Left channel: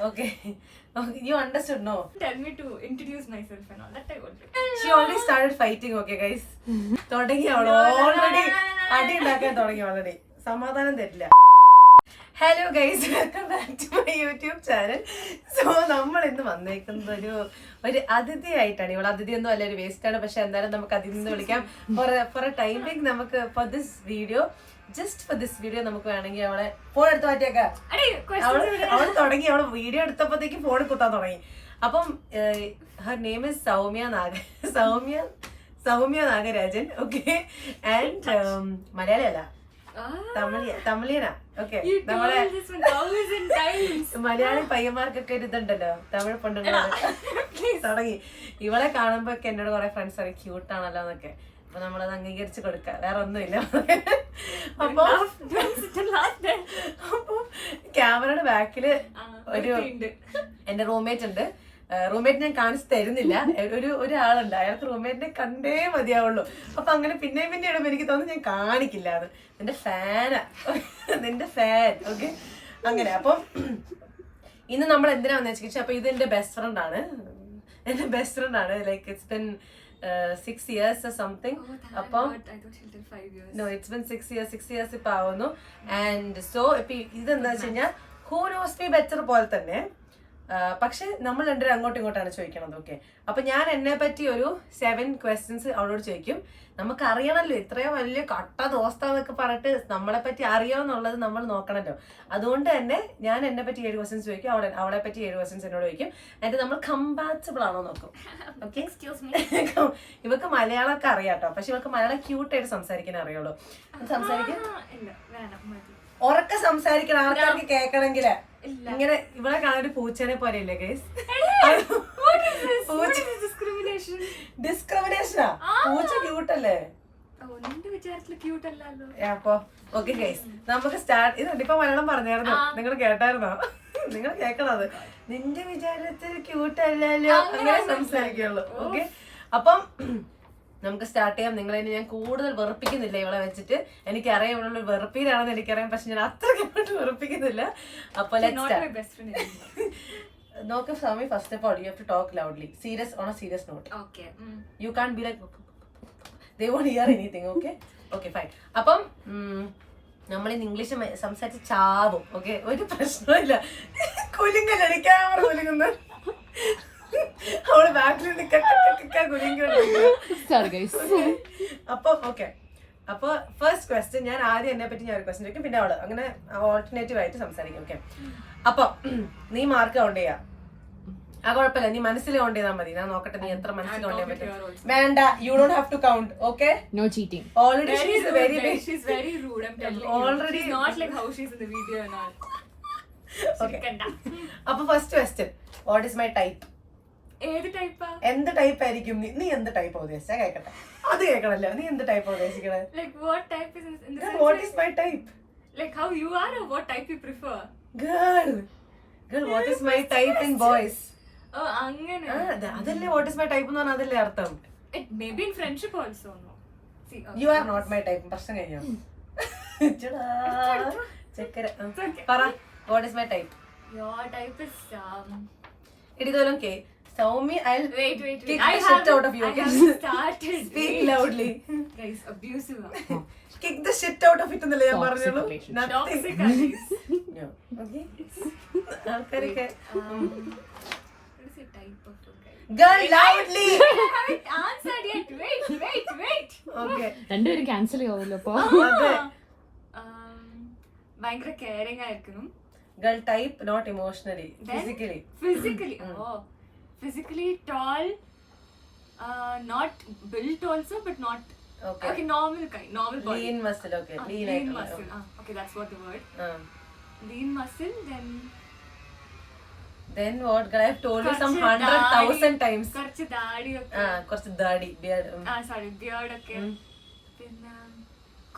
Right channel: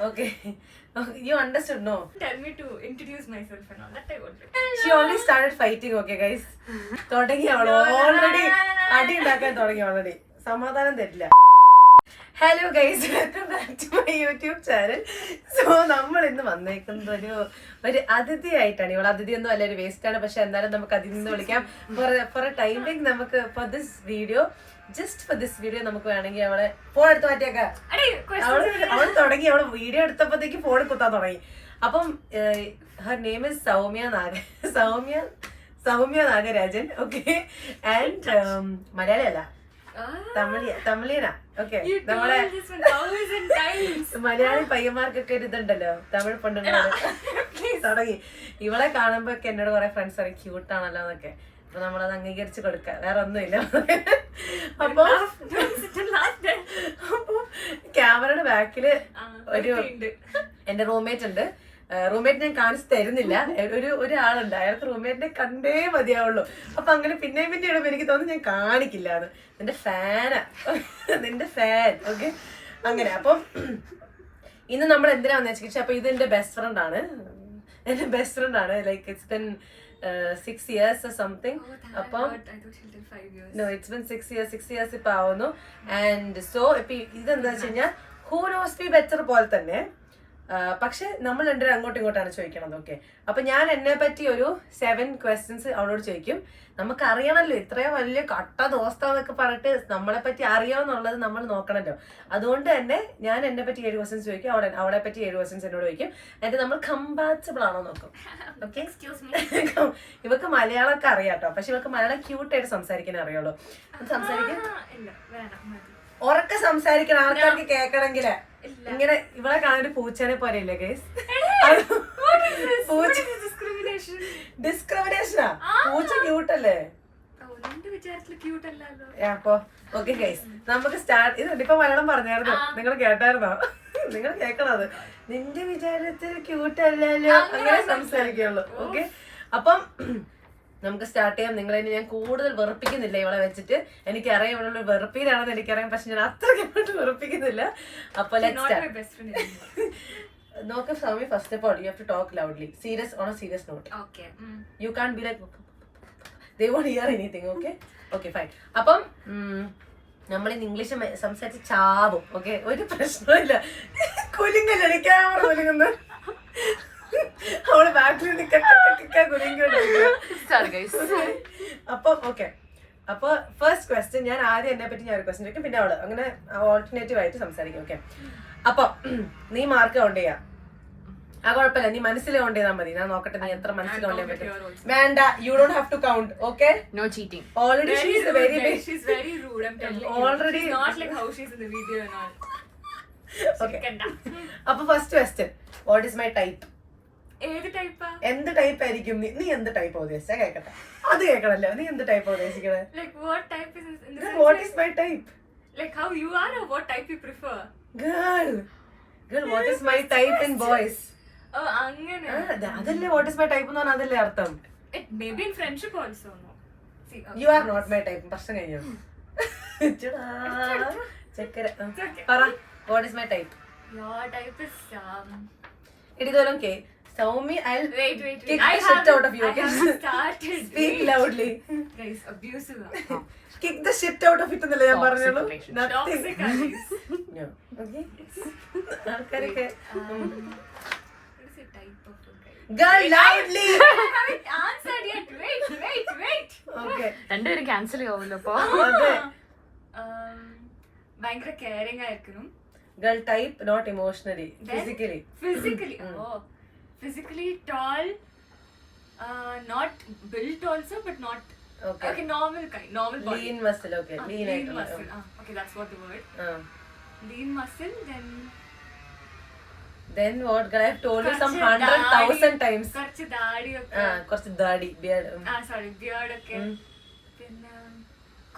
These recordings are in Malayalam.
Okay. You understood, no? Tell me to introduce myself and all that I wanted. She already started fighting, okay guys? തുടങ്ങി അവൾ ഓൾറെഡി അടി ഉണ്ടാക്കാൻ തുടങ്ങി ഓൾറെഡി. സമാധാനം തരില്ല. Hello guys, welcome back to my YouTube channel. So നമ്മൾ ഇന്ന് വന്നേക്കുന്നത് ഒരു അതിഥിയായിട്ടാണ്. ഇവിടെ അതിഥിയൊന്നും അല്ല, ഒരു വേസ്റ്റ് ആണ്. പക്ഷെ എന്തായാലും നമുക്ക് അതിഥി എന്ന് വിളിക്കാം. ഫോർ എ ടൈമിംഗ് നമുക്ക് for this video, just for this video നമുക്ക് വേണമെങ്കിൽ അവളെ ഫോൺ എടുത്ത് മാറ്റിയേക്കാം. അവള് തുടങ്ങി, അവള് വീഡിയോ എടുത്തപ്പോഴത്തേക്ക് ഫോൺ കുത്താൻ തുടങ്ങി. അപ്പം her name is Soumya Nagarajan. Okay, and Malayali അല്ല, തമിഴിയനാ. ഓക്കെ, നമ്മളെ മലയാളി പയ്യന്മാർക്കൊക്കെ ഒരു ഇതുണ്ടല്ലോ, തമിഴ് പെണ്ണുങ്ങള് തുടങ്ങി. ഇവളെ കാണുമ്പോ ഒക്കെ എന്നോട് കുറെ ഫ്രണ്ട്സ് പറയും ക്യൂട്ടാണല്ലോ എന്നൊക്കെ. അപ്പൊ നമ്മളത് അംഗീകരിച്ച് കൊടുക്ക, വേറെ ഒന്നുമില്ല. അപ്പൊ ക്യാമറയുടെ ബാക്കില് ഒരു എന്റെ റൂംമേറ്റ് ഉണ്ട്. റൂംമേറ്റ് ഞാൻ കാണിച്ചു തരുന്നില്ല. ഒരാളുണ്ട്, അയാൾക്ക് റൂംമേറ്റിനെ കണ്ടേ മതിയാവുള്ളൂ. അപ്പൊ അങ്ങനെ പിന്നെയും പിന്നെ ഇടുമ്പോ എനിക്ക് തോന്നുന്നു ഞാൻ കാണിക്കില്ല. അത് നിന്റെ ഫാനാ, നിന്റെ ഫാൻ. ഓക്കെ, അങ്ങനെ. അപ്പം ഇന്ന് നമ്മൾ എന്തിനാന്ന് വെച്ചാൽ, അപ്പൊ ഇത് എന്റെ ബെസ്റ്റ് ഫ്രണ്ട് ആണ്. Like it's been 6 years or something. അപ്പം no, it's been 6 years ഇപ്പൊ ആവുന്നു. ആൻഡ് സോ ഇപ്പൊ ഇതെന്താ വെച്ച് കഴിഞ്ഞാൽ ഹൂ നോസ് മീ ബെറ്റർ പോലെ തന്നെ. പക്ഷെ നമ്മൾ രണ്ടുപേരും അങ്ങോട്ടും ഇങ്ങോട്ടാണ് ചോദിക്കണത്. ഓക്കെ, അപ്പൊ ഞാൻ എന്നെ പറ്റി ഒരു 7 questions അവളോട് ചോദിക്കും. നമുക്ക് അറിയണല്ലോ, ഇത്രയും വലിയ കട്ട ദോസ്താന്നൊക്കെ പറഞ്ഞിട്ട് നമ്മളെ പറ്റി അറിയാമെന്നുള്ളത് നമ്മൾ നോക്കണല്ലോ. അതുകൊണ്ട് തന്നെ ഞാൻ എന്നെ പറ്റി 7 questions ചോദിക്കും, അവളെ പറ്റി 7 questions എന്നോട് ചോദിക്കും. എന്നിട്ട് നമ്മൾ കമ്പാറ്റബിൾ ആണോ നോക്കും. ഓക്കെ, ഇവക്ക് മലയാളമൊക്കെ അറിയാട്ടോ, പക്ഷെ ഇവക്ക് മലയാളം ക്യൂട്ടായിട്ട് സംസാരിക്കാൻ അറിയുള്ളൂ. സംസാരിക്കാൻ ഉറക്കെ സംസാരിക്കണം, ആൾക്കാർക്ക് കേൾക്കണമെങ്കില്. ഇങ്ങനെ ഇവളെ കാണാൻ പൂച്ചനെ പോലെ ഇല്ലേ ഗൈസ്? ഡിസ്ക്രിമിനേഷനാ? പൂച്ച ക്യൂട്ടല്ലേ? അപ്പൊ ഓക്കെ ഗൈസ്, നമുക്ക് സ്റ്റാർട്ട്. ഇത് ഇപ്പൊ മലയാളം പറഞ്ഞായിരുന്നു, നിങ്ങൾ കേട്ടായിരുന്നോ? നിങ്ങൾ കേൾക്കണത്. നിന്റെ വിചാരത്തിൽ ക്യൂട്ടല്ലല്ലോ, അങ്ങനെ സംസാരിക്കുള്ളൂ. ഓക്കെ, അപ്പം നമുക്ക് സ്റ്റാർട്ട് ചെയ്യാം. നിങ്ങളെ ഞാൻ കൂടുതൽ വെറുപ്പിക്കുന്നില്ല ഇവളെ വെച്ചിട്ട്. എനിക്കറിയാം ഇവളുള്ള വെറുപ്പീരാണെന്ന് എനിക്കറിയാം, പക്ഷെ ഞാൻ അത്രയ്ക്ക് വെറുപ്പിക്കുന്നില്ല. അപ്പൊ നോക്ക് Swami, first of all you have to talk loudly, serious on a serious note. You can be like they won't hear anything. Okay, okay, fine. അപ്പം നമ്മൾ ഇന്ന് ഇംഗ്ലീഷ് സംസാരിച്ച് ചാവും. ഓക്കെ, ഒരു പ്രശ്നമില്ല. കുലുങ്ങല്ലേ ക്യാമറ കുലുങ്ങുന്ന അവള് ബാക്കിൽ അപ്പം ഓക്കെ. അപ്പൊ ഫസ്റ്റ് ക്വസ്റ്റ്യൻ, ഞാൻ ആദ്യം എന്നെ പറ്റി ഞാൻ ഒരു ക്വസ്റ്റ്യൻ ചോദിക്കും, പിന്നെ അവള്, അങ്ങനെ ഓൾട്ടർനേറ്റീവ് ആയിട്ട് സംസാരിക്കും. ഓക്കെ, അപ്പൊ നീ മാർക്ക് കൗണ്ട് ചെയ്യാം. ആ കുഴപ്പമില്ല, നീ മനസ്സിൽ കൗണ്ട് ചെയ്താൽ മതി. ഞാൻ നോക്കട്ടെ നീ എത്ര മനസ്സിൽ കൗണ്ട് ചെയ്യാൻ പറ്റും. വേണ്ട, you don't have to count. Okay, no cheating. Already she is very big. She's very rude, I'm telling you. Already she's not like how she's in the video and all. Okay, അപ്പൊ first question, what is my type? ഏത് ടൈപ്പാ? എന്ത് ടൈപ്പ് ആയിരിക്കും നീ? എന്ത് ടൈപ്പ് ഉദ്ദേശിച്ചാ കേക്കട്ടെ? അത് കേൾക്കണല്ലോ. നീ എന്ത് type ഉദ്ദേശിക്കണേ? Like what type is in the sense? What is my type? Like how you are or what type you prefer? Girl, what is my type in boys? Oh, അങ്ങനെ. അതല്ലേ what is my type എന്ന് പറഞ്ഞാൽ അതല്ലേ അർത്ഥം? It may be in friendship also, no? See, okay. You are not my type. പ്രശ്നം കഴിഞ്ഞു. ചെക്കര പറ, what is my type? Your type is ഇടിതോലം K Soumya. I'll wait. kick the shit out of you. I haven't started. Speak loudly. Guys, abusive. Kick the shit out of it എന്നല്ലേ ഞാൻ പറഞ്ഞുള്ളൂ. Toxic guys. No. Okay. ആൾക്കാരൊക്കെ What is the type of a guy? Girl, loudly. I haven't answered yet. Wait. Okay. രണ്ടുപേരും ക്യാൻസൽ ചെയ്യാവല്ലോ അപ്പൊ. അതെ. ഭയങ്കര കെയറിംഗ് ആയിരിക്കണം. Girl type, not emotionally, physically. Oh, physically tall, not built also, but not okay, normal body. Lean muscle, okay. Lean muscle. Okay, that's what the word. Lean muscle, then what? Girl, I have told you some 100,000 times. കുറച്ച് ദാടി ഒക്കെ. കുറച്ച് ദാടി, beard. Sorry, beard ഒക്കെ. പിന്നെ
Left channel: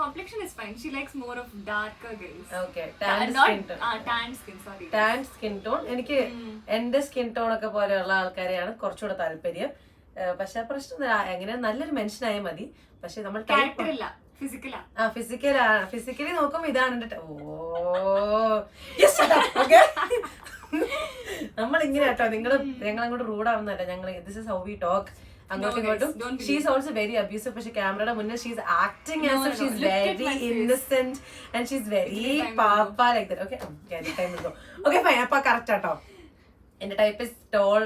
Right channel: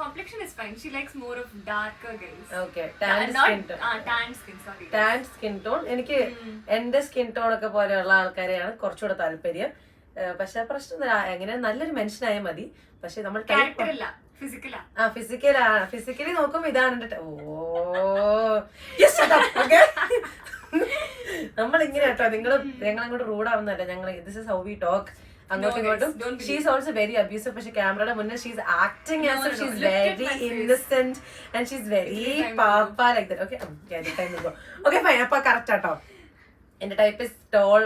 complexion is fine. She likes more of darker guys. Okay, tan skin tone. Tan skin tone. എനിക്ക് എന്റെ സ്കിൻ ടോൺ ഒക്കെ പോലെയുള്ള ആൾക്കാരെയാണ് കുറച്ചുകൂടെ താല്പര്യം. പക്ഷെ പ്രശ്നം എങ്ങനെ നല്ലൊരു മനുഷ്യനായാൽ മതി. പക്ഷെ നമ്മൾ ഫിസിക്കലി നോക്കുമ്പോ ഇതാണ് എന്റെ നമ്മൾ ഇങ്ങനെ കേട്ടോ, ഞങ്ങൾ അങ്ങോട്ട് റൂഡ് ആവുന്നല്ല, ഞങ്ങൾ this is how we talk അങ്ങോട്ടും ഇങ്ങോട്ടും. She's also very abusive. പക്ഷെ ക്യാമറയുടെ മുന്നേ she's acting as if she's very innocent and she's very പാപ്പ ലൈക്ക് ദാറ്റ്. Okay fine. അപ്പൊ കറക്റ്റ് ആട്ടോ. എന്റെ type is tall,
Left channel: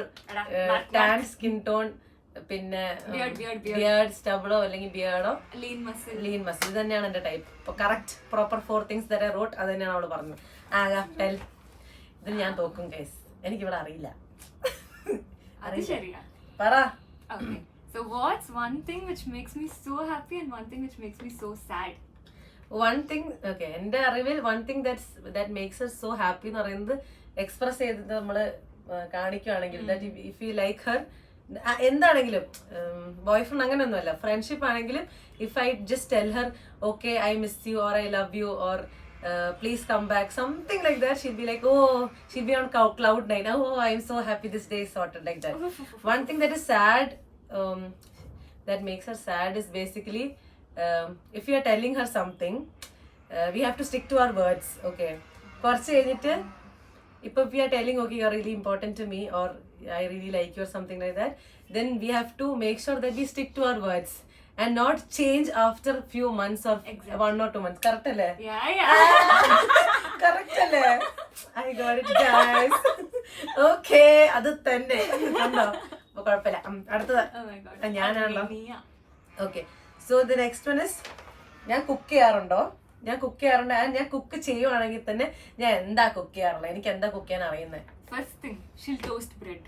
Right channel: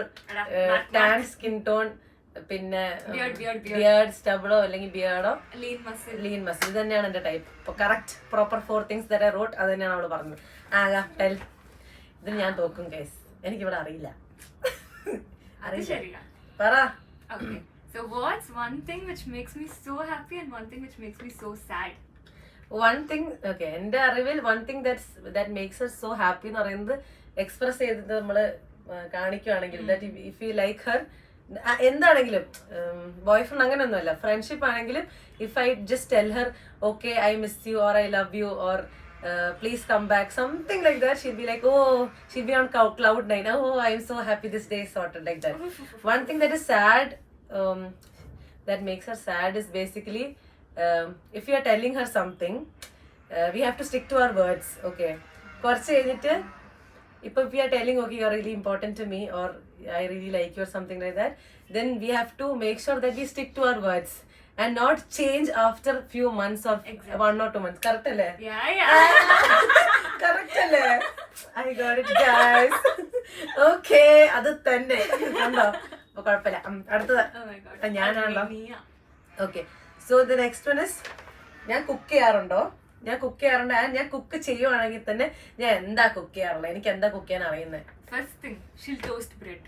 tan skin tone, പിന്നെ ബിയർഡ് സ്റ്റബിളോ അല്ലെങ്കിൽ ബിയർഡോ ലീൻ മസിൽ, ഇത് തന്നെയാണ് എന്റെ ടൈപ്പ്. അപ്പൊ correct proper 4 things that I wrote അത് തന്നെയാണ് അവള് പറഞ്ഞത്. ടെൽ. ഇതിന് ഞാൻ തോക്കും ഗൈസ്, എനിക്കിവിടെ അറിയില്ല. പറ. Okay. So what's one thing which makes me so happy and one thing which makes me so sad? One thing, okay, എന്റെ അറിവിൽ one thing that makes her so happy എന്ന് പറയുന്നത് എക്സ്പ്രസ് ചെയ്തത് നമ്മള് കാണിക്കുവാണെങ്കിൽ, that if you like her, എന്താണെങ്കിലും ബോയ് ഫ്രണ്ട് അങ്ങനെയൊന്നുമല്ല, ഫ്രണ്ട്ഷിപ്പ് ആണെങ്കിലും if I just tell her okay I miss you or I love you or please come back, something like that, she'll be like, oh, she'll be on cloud 9, oh I'm so happy this day is sorted, like that. One thing that is sad, that makes her sad is basically if you are telling her something, we have to stick to our words. Okay, കുറച്ച് കഴിഞ്ഞിട്ട് if we are telling, okay, you're really important to me or I really like you or something like that, then we have to make sure that we stick to our words and not change after few months or 1 or 2 months. Correct alle? Correct alle? I got it guys. Okay, adu thanne kando appo kuഴപ്പമില്ല. അടുത്തത് ഞാനാണല്ലോ. Okay, so the next one is, ഞാൻ കുക്ക് ചെയ്യാറുണ്ട്. ഞാൻ കുക്ക് ചെയ്യുവാണെങ്കിൽ തന്നെ ഞാൻ എന്താ കുക്ക് ചെയ്യാറുള്ളത്, എനിക്ക് എന്താ കുക്ക് ചെയ്യാൻ അറിയുന്നത്? First thing, she'll toast bread.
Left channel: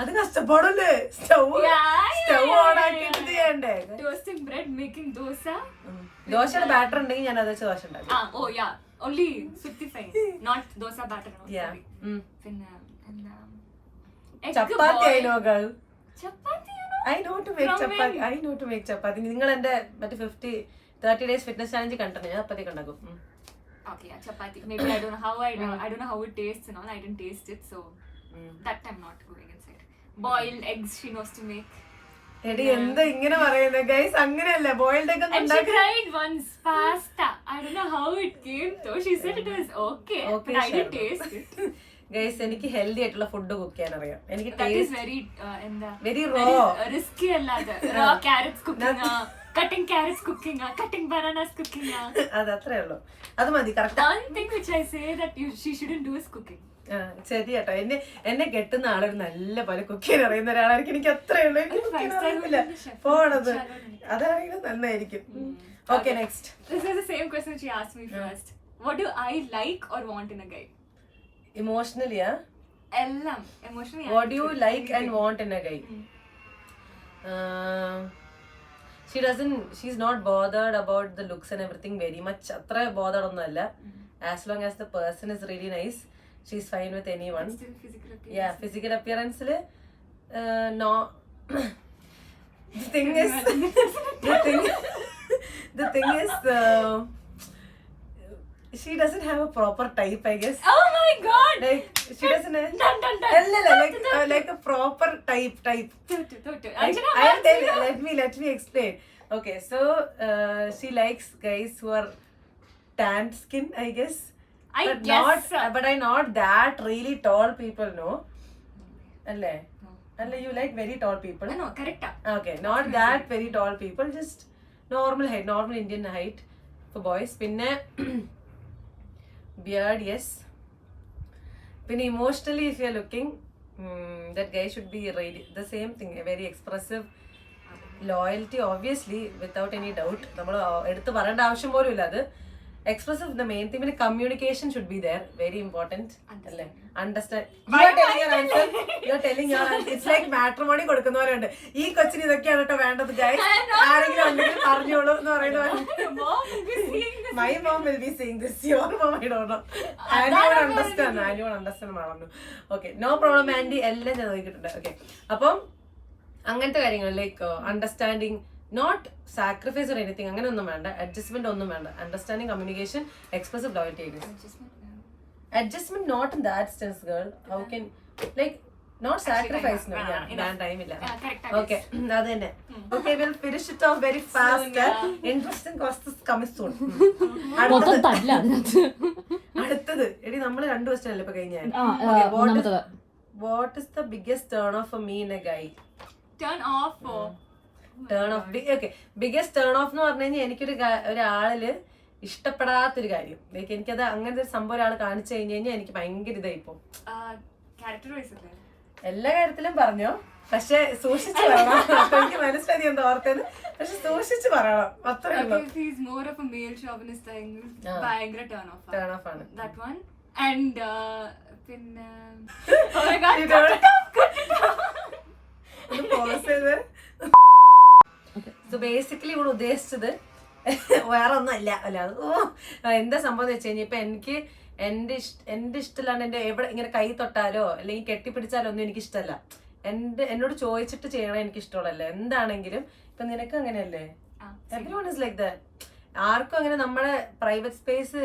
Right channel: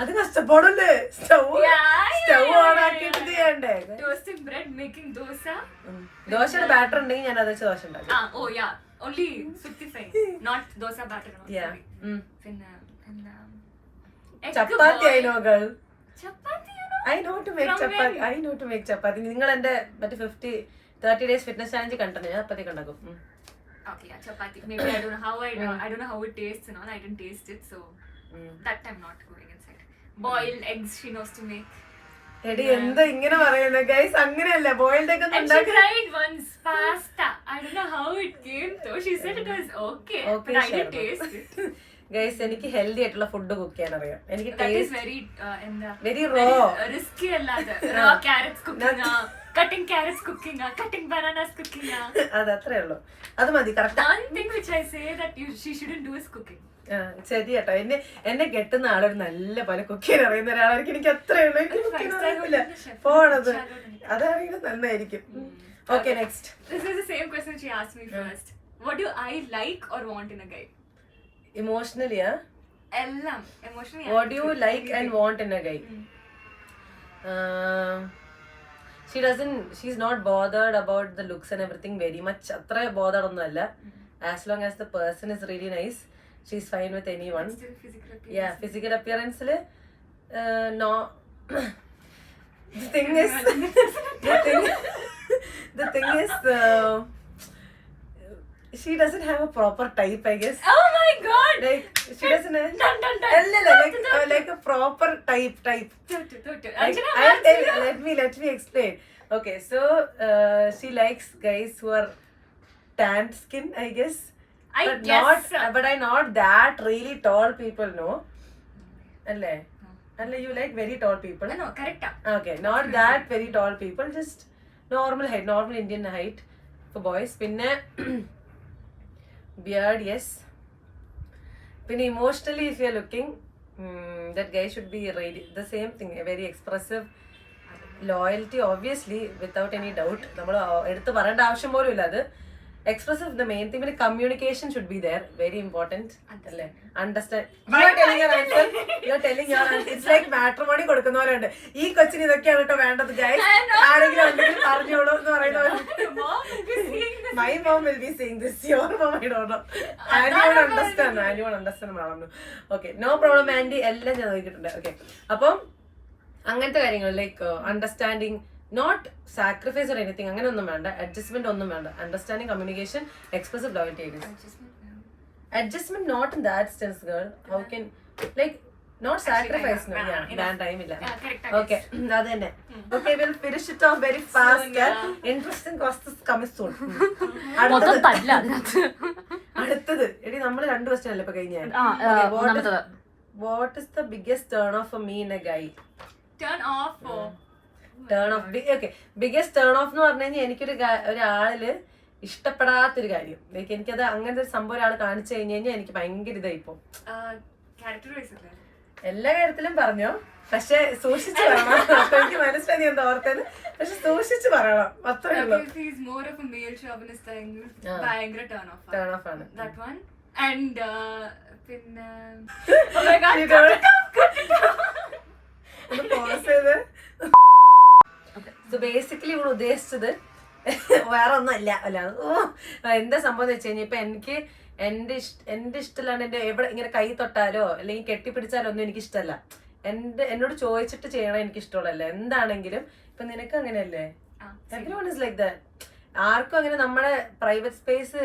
അത് കഷ്ടപ്പാടല്ലേ, സ്റ്റൗ ഓൺ ആക്കിയിട്ട് ചെയ്യണ്ടേ? Toasting bread, making dosa. ദോശയുടെ ബാറ്റർ ഉണ്ടെങ്കിൽ ഞാൻ അത് വെച്ച് ദോശ ഉണ്ടാക്കും. Oh yeah, only sutti-fine, not dosa batter. Yeah. പിന്നെ ചപ്പാത്തി I know girl. Chapati I know to make chapati. I know to make ചപ്പാത്തി. നിങ്ങൾ എന്റെ മറ്റേ 30 days fitness challenge കണ്ടിട്ടുണ്ട്, ഞാൻ ചപ്പാത്തി ഉണ്ടാക്കും. Okay, yeah, chapati. Maybe I don't know how it tastes and all. I didn't taste it, so that time not going inside. Boiled eggs she knows to make. എടി എന്താ ഇങ്ങനെ പറയുന്നത് ഗൈസ്? അങ്ങനെയല്ല, ബോയിൽഡ് ഒക്കെ And she tried once pasta. I don't know how it came though. She said it was okay, but I didn't taste it. Guys എനിക്ക് ഹെൽത്തി ആയിട്ടുള്ള ഫുഡ് കുക്ക് ചെയ്യാൻ അറിയാം. എനിക്ക് That is very risky allada. Raw carrots cooking, cutting carrots cooking, cutting bananas cooking. അത് അത്രേ ഉള്ളൂ, അത് മതി. Correct. One thing which I say that she shouldn't do is cooking. ശരി കേട്ടോ, എന്നെ കെട്ടുന്ന ആളൊരു നല്ല പോലെ കുക്ക് ചെയ്യാൻ അറിയുന്ന ഒരാളായിരിക്കും. എനിക്ക് അത്രേ ഉള്ളൂ, എനിക്ക് കുക്ക് ചെയ്യാൻ അറിയില്ല. പോണത് അതാണെങ്കിലും നന്നായിരിക്കും. Okay, next. This is the same question she asked me first. What do I like or want in a guy? Emotionally, Ellam emotionally. What do you like and want in a guy? She's not bothered about the looks and everything very much. Atra bothered onnalla. As long as the person is really nice, she's fine with anyone. Still physical appearance. Yeah, physical appearance le no. the thing is she doesn't have a proper type, I guess. Oh my god, like she doesn't have like a proper type. Anjana, let me explain. Okay, so she likes guys who are tanned skin, I guess. But I not that really tall people, no? Alle you like very tall people? No, correct. Okay, not that very tall people, just normal height, normal Indian height for boys. Pinne beard, yes. Pinne emotionally, if you are looking, that guy should be really the same thing, very expressive, loyalty obviously without any doubt. നമ്മൾ എടുത്ത് പറയേണ്ട ആവശ്യം പോലും ഇല്ല. അത് expressive, the main thing, communication should be there, very important. Understand. You are telling your answer. It's like matrimony കൊടുക്കുന്ന പോലെ ഉണ്ട്. ഈ കൊച്ചിന് ഇതൊക്കെയാണ് കേട്ടോ വേണ്ടത് ഗൈസ്, ആരെങ്കിലും ഉണ്ടെങ്കിൽ പറഞ്ഞോളൂ എന്ന് പറയുന്ന പോലെ. My mom will be saying this, your mom I don't know. Anyone understand മാറുന്നു. Okay, no problem Andy, എല്ലാം ഞാൻ നോക്കിയിട്ടുണ്ട്. Okay, അപ്പം അങ്ങനത്തെ കാര്യങ്ങൾ like understanding, not sacrifice or anything, അങ്ങനെ ഒന്നും വേണ്ട, adjustment ഒന്നും വേണ്ട, understanding, communication, expressive, loyalty. Adjustment not in that sense girl. How can like not sacrifice ഞാൻ ടൈമില്ല. ഓക്കെ അത് തന്നെ. Okay will finish it off very fast. Interesting questions coming soon. അടുത്തത് എടി നമ്മള് 2 ക്വസ്റ്റ്യൻ അല്ലേ ഇപ്പൊ കഴിഞ്ഞ. What is the biggest turn off for me in a guy? Turn off okay biggest turn off എന്ന് പറഞ്ഞു കഴിഞ്ഞാൽ എനിക്കൊരു ഒരാളില് ഇഷ്ടപ്പെടാത്തൊരു കാര്യം, ലൈക്ക് എനിക്കത് അങ്ങനത്തെ ഒരു സംഭവം ഒരാൾ കാണിച്ചു കഴിഞ്ഞു കഴിഞ്ഞാൽ എനിക്ക് ഭയങ്കര ഇതായിപ്പോ. എല്ലാ കാര്യത്തിലും പറഞ്ഞോ, പക്ഷെ സൂക്ഷിച്ച് പറയണം. എനിക്ക് മനസ്സിലായി എന്താ ഓർത്തത്, പക്ഷെ സൂക്ഷിച്ച് പറയണം, അത്രേ ഉള്ളൂ. ടേൺ ഓഫ് ആണ്. സോ ബേസിക്കലി ഇവിടെ ഉദ്ദേശിച്ചത് വേറെ ഒന്നും അല്ല. എന്താ സംഭവം എന്ന് വെച്ച് കഴിഞ്ഞാൽ ഇപ്പൊ എനിക്ക് എന്റെ ഇഷ്ടമില്ലാണ്ട് എന്റെ എവിടെ ഇങ്ങനെ കൈ തൊട്ടാലോ അല്ലെങ്കിൽ കെട്ടിപ്പിടിച്ചാലോ ഒന്നും എനിക്ക് ഇഷ്ടമല്ല. എന്നോട് ചോദിച്ചിട്ട് ചെയ്യണം എനിക്ക് ഇഷ്ടമുള്ളല്ല. എന്താണെങ്കിലും ഇപ്പൊ നിനക്ക് അങ്ങനെയല്ലേ? Everyone is like that. ആർക്കും അങ്ങനെ നമ്മുടെ പ്രൈവറ്റ് സ്പേസ്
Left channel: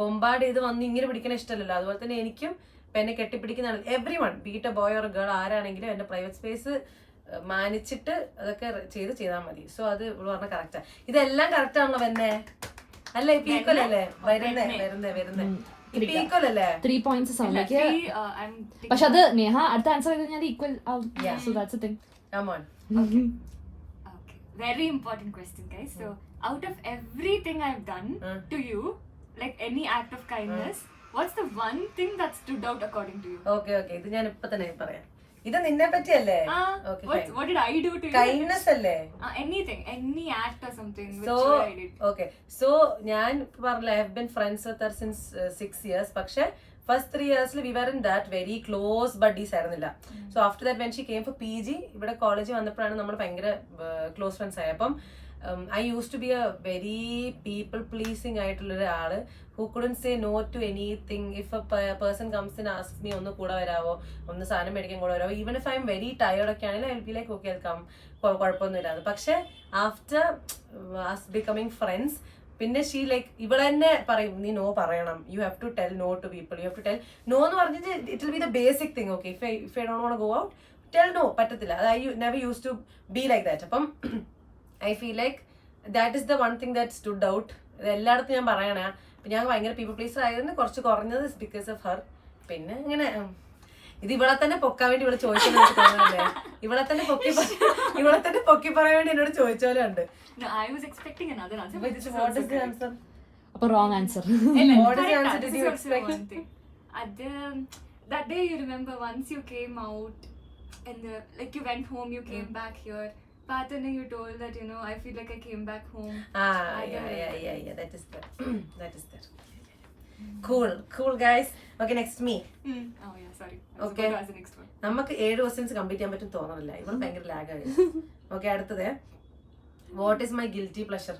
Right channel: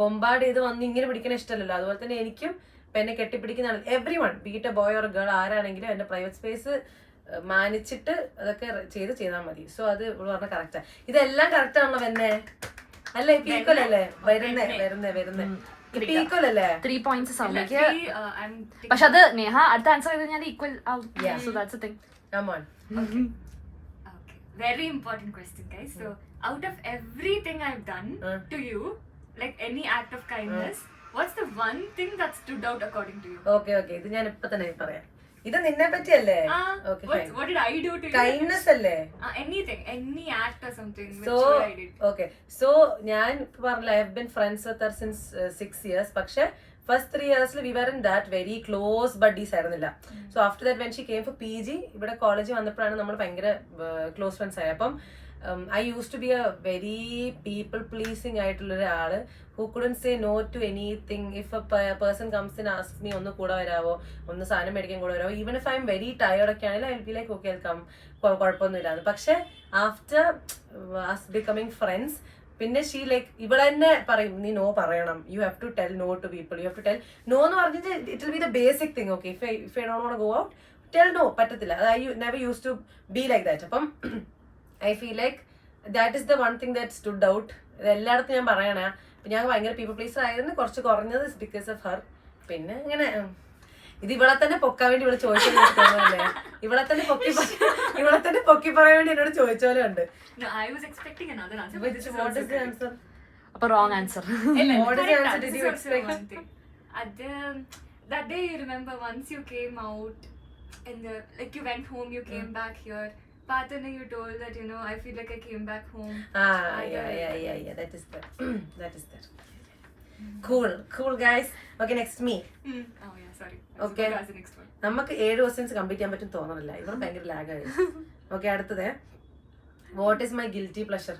ബൊമ്പാർഡ് ചെയ്ത് വന്ന് ഇങ്ങനെ പിടിക്കണ ഇഷ്ടമല്ലല്ലോ. അതുപോലെ തന്നെ എനിക്കും ഇപ്പൊ എന്നെ കെട്ടിപ്പിടിക്കുന്ന everyone, be it a boy or girl ആരാണെങ്കിലും എന്റെ പ്രൈവറ്റ് സ്പേസ് മാനിച്ചിട്ട് അതൊക്കെ ചെയ്താൽ മതി. സോ അത് ഇവിടെ പറഞ്ഞ കറക്റ്റാ. ഇതെല്ലാം കറക്റ്റ് ആണല്ലോ തന്നെ അല്ല? ഇപ്പൊ ഈക്വൽ അല്ലേ? വരുന്നേ ഇപ്പൊ ഈക്വൽ അല്ലേ? 3 points പക്ഷെ അത് നേഹ അടുത്ത ആൻസർ ചെയ്ത് കഴിഞ്ഞാൽ ഈക്വൽ ആവും. So that's a thing. Come on. Okay. Very important question, guys. So out of everything I've done to you, like any act of kindness, what's the one thing that stood out according to you? Okay ഇത് ഞാൻ ഇപ്പൊ തന്നെ പറയാം. ഇത് നിന്നെ പറ്റിയല്ലേ? What did I do to you? Kindness അല്ലേ? Anything, any act or something which I did. Okay, so ഞാൻ പറഞ്ഞില്ല I have been friends with her since 6 years. പക്ഷെ first 3 years we weren't that very close buddies ആയിരുന്നില്ല. So after that when she came for PG ഇവിടെ കോളേജിൽ വന്നപ്പോഴാണ് നമ്മൾ ഭയങ്കര ക്ലോസ് ഫ്രണ്ട്സ് ആയത്. അപ്പം I used to be a very people pleasing ആയിട്ടുള്ള ഒരാള് who couldn't say no to anything. If a person comes and asks me ഒന്ന് കൂടെ വരാവോ, ഒന്ന് സാധനം മേടിക്കാൻ കൂടെ വരാവോ, even if I'm very tired ഒക്കെ ആണെങ്കിൽ I will be like okay I'll come, കുഴപ്പമൊന്നുമില്ല. പക്ഷെ after us becoming friends പിന്നെ ഷീ ലൈക്ക് ഇവിടെ തന്നെ പറയും നീ നോ പറയണം, you have to tell no to people, you have to tell no എന്ന് പറഞ്ഞിട്ട് it will be the basic thing. Okay if I don't want to go out tell no, പറ്റത്തില്ല. I never use to be like that. അപ്പം I feel like that is the one thing that stood out. ഇത് എല്ലായിടത്തും ഞാൻ പറയണേ. ഞാൻ ഭയങ്കര പീപ്പിൾ പ്ലീസർ ആയിരുന്നു, കുറച്ച് കുറഞ്ഞത് ബിക്കോസ് ഓഫ് ഹർ. പിന്നെ ഇങ്ങനെ ഇത് ഇവിടെ തന്നെ പൊക്കാൻ വേണ്ടി ഇവിടെ ചോദിച്ചല്ലേ, ഇവിടെ തന്നെ പൊക്കി പറയാൻ വേണ്ടി എന്നോട് ചോദിച്ച പോലെ ഉണ്ട്. No, I was expecting another answer. What is the answer? A wrong answer. What is the answer did you expect? That day you remember once you came out and like you went home, you came back here. Pathana, you told that I feel like I came back home. Yeah. That is that. Cool guys. Okay, next me. Oh yeah, sorry. Okay. That's the next one. നമുക്ക് 7 ക്വസ്റ്റ്യൻസ് കംപ്ലീറ്റ് ചെയ്യാൻ പറ്റും തോന്നണില്ല. ഇവിടെ ഭയങ്കര ലാഗ് ആയി. ഓക്കെ അടുത്തത് what is my guilty pleasure?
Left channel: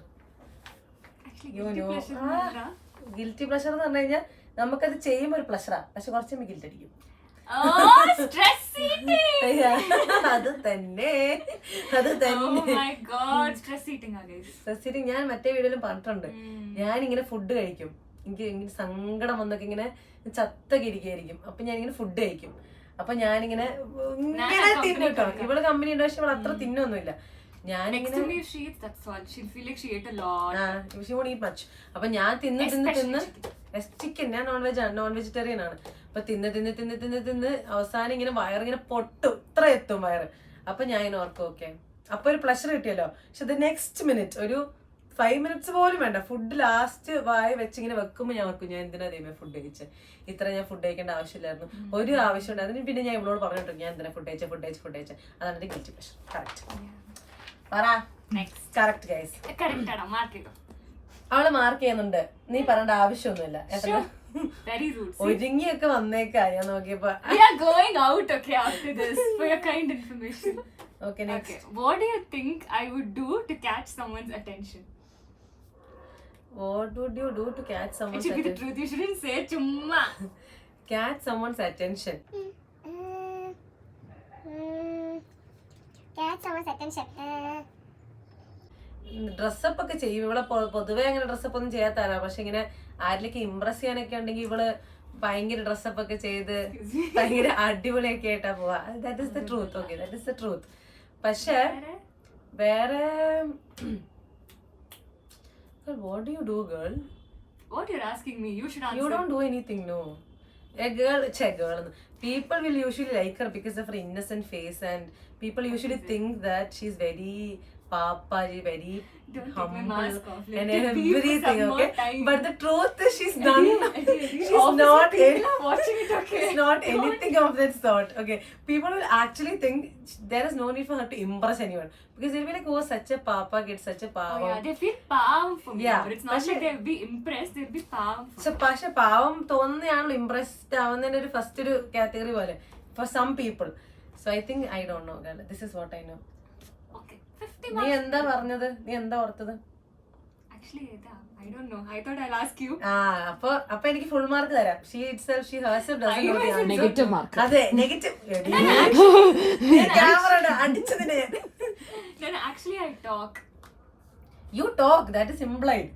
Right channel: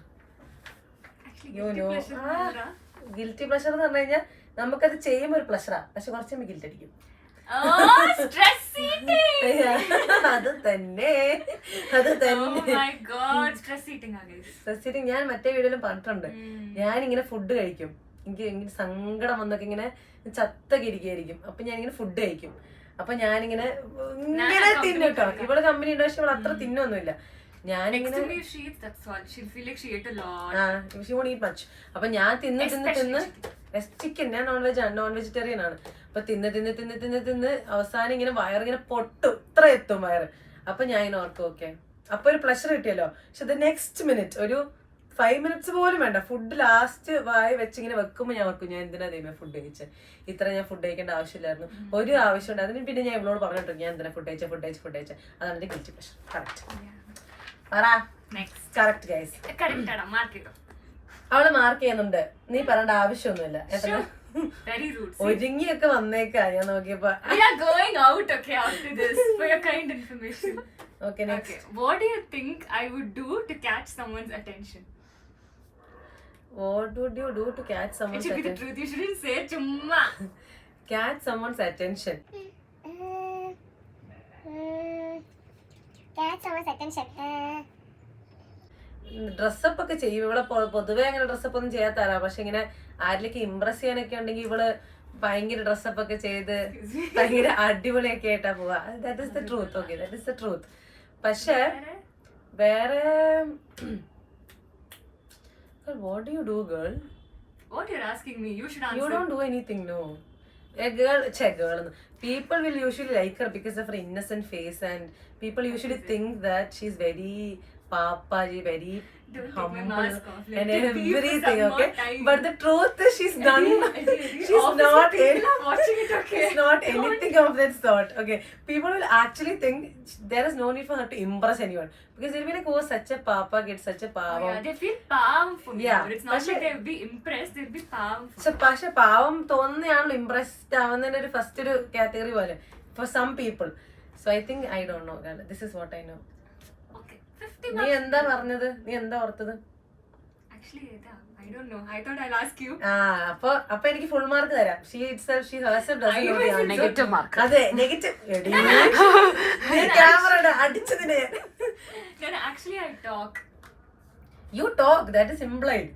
Guilty pleasure എന്ന് പറഞ്ഞു കഴിഞ്ഞാൽ നമുക്കത് ചെയ്യുമ്പോൾ ഒരു പ്ലഷറാ, പക്ഷെ കുറച്ച് ഗിൽറ്റ് അടിക്കും. അത് തന്നെ സ്ട്രെസ് ഈറ്റിംഗ്. ഞാൻ മറ്റേ വീഡിയോയിലും പറഞ്ഞിട്ടുണ്ട്. ഞാനിങ്ങനെ ഫുഡ് കഴിക്കും, എനിക്ക് ഇങ്ങനെ സങ്കടം വന്നൊക്കെ ഇങ്ങനെ ചത്തൊക്കെ ഇരിക്കുകയായിരിക്കും. അപ്പൊ ഞാനിങ്ങനെ ഫുഡ് കഴിക്കും. അപ്പൊ ഞാനിങ്ങനെ ഇങ്ങനെ തിന്നു കേട്ടോ. ഇവള് കമ്പനി ഉണ്ട്, പക്ഷെ ഇവള് അത്ര തിന്നൊന്നുമില്ല. ഞാനിങ്ങനെ അപ്പൊ ഞാൻ തിന്ന് ചിക്കൻ, ഞാൻ നോൺ വെജിറ്റേറിയൻ ആണ്. അപ്പൊ തിന്ന് അവസാനം ഇങ്ങനെ വയറിങ്ങനെ പൊട്ടും, ഇത്ര എത്തും വയറ്. അപ്പൊ ഞാൻ ഇങ്ങനെ ഓർക്കും ഓക്കെ അപ്പൊ ഒരു പ്ലഷർ കിട്ടിയല്ലോ. പക്ഷെ ദ നെക്സ്റ്റ് മിനിറ്റ് ഒരു 5 minutes പോലും വേണ്ട, ഫുഡ് ലാസ്റ്റ് വായ വെച്ചിങ്ങനെ വെക്കുമ്പോ ഞാൻ ഓർക്കും ഞാൻ എന്തിനാ ദൈവമേ ഫുഡ് കഴിച്ചത്, ഇത്ര ഞാൻ ഫുഡ് കഴിക്കേണ്ട ആവശ്യമില്ലായിരുന്നു, ഒരു ആവശ്യമുണ്ട്. അതിന് പിന്നെ ഞാൻ ഇവളോട് പറഞ്ഞിട്ടുണ്ട് ഞാൻ എന്തിനാ ഫുഡ് കഴിച്ച. അതാണ് എന്റെ ഗിൽറ്റി പ്ലഷർ. കറക്റ്റ് പറ. കറക്റ്റ് ഗൈസ്, അവള് മാർക്ക് ചെയ്യുന്നുണ്ട്. നീ പറയേണ്ട ആവശ്യമൊന്നുമില്ല. ഒരുങ്ങിയൊക്കെ വന്നേക്കാ ഞാൻ നോക്കിയപ്പോ. Okay, next. Okay. What do you think I would do to catch someone's attention? What would you do to catch someone's attention? It should be the truth. You shouldn't say chumma. Catch someone's attention. Catch someone's attention. Dress up ഒക്കെ ചെയ്യും. ഇവിടെ പൊതുവെ അങ്ങനെ ഡ്രസ്സപ്പ് ഒന്നും ചെയ്യാത്തല്ല. പക്ഷെ ഇങ്ങനെ ആരിലേക്ക് ഇംപ്രസ് ചെയ്യാനൊക്കെ ഉണ്ടെങ്കിൽ ഇവള് ഭയങ്കര ഡ്രസ്സപ്പ് ഒക്കെ ചെയ്ത് ഭയങ്കര അടിപൊളിയൊക്കെ ആയിട്ടാ പോവാ. That is the truth. Okay, that is the truth. പക്ഷെ വേറെ what do you do, girl? What you're asking me, you should answer. You don't do anything, no. A girl, people will usually like her because of her innocent face, and people usually think that she's very papaji, very Don't take my humble mask off. Let and it be for everything, some more okay? time. But the truth is she's done. She's not People are watching it, okay? She's not anything of that sort. Okay, people will actually think there is no need for her to impress anyone because they'll be like, oh, such a papa gets such a Oh, pavam. yeah, they feel palm for me. Yeah, But it's not പക്ഷേ- like they'll be impressed, they'll be palm for me. പക്ഷെ പാവം തോന്നുന്നതാണല്ലോ ഇംപ്രസ്ഡ് ആവുന്നതിന്റെ ഒരു ഫസ്റ്റ് ഒരു കാറ്റഗറി പോലെ for some people. So I think I don't know, this is what I know. Okay, 50 നീ marks. എന്താ പറഞ്ഞത്? നീ എന്താ ഓർത്തത്? Actually, yeah, I don't know. I thought I'll ask you. അപ്പൊ എനിക്ക് ഫുൾ മാർക്ക് തരാം. She herself doesn't know the answer. Negative mark. അതെ, നെഗറ്റീവ്. ക്യാമറ അടിച്ചതിന് Then actually I talk. You talk, that is implied.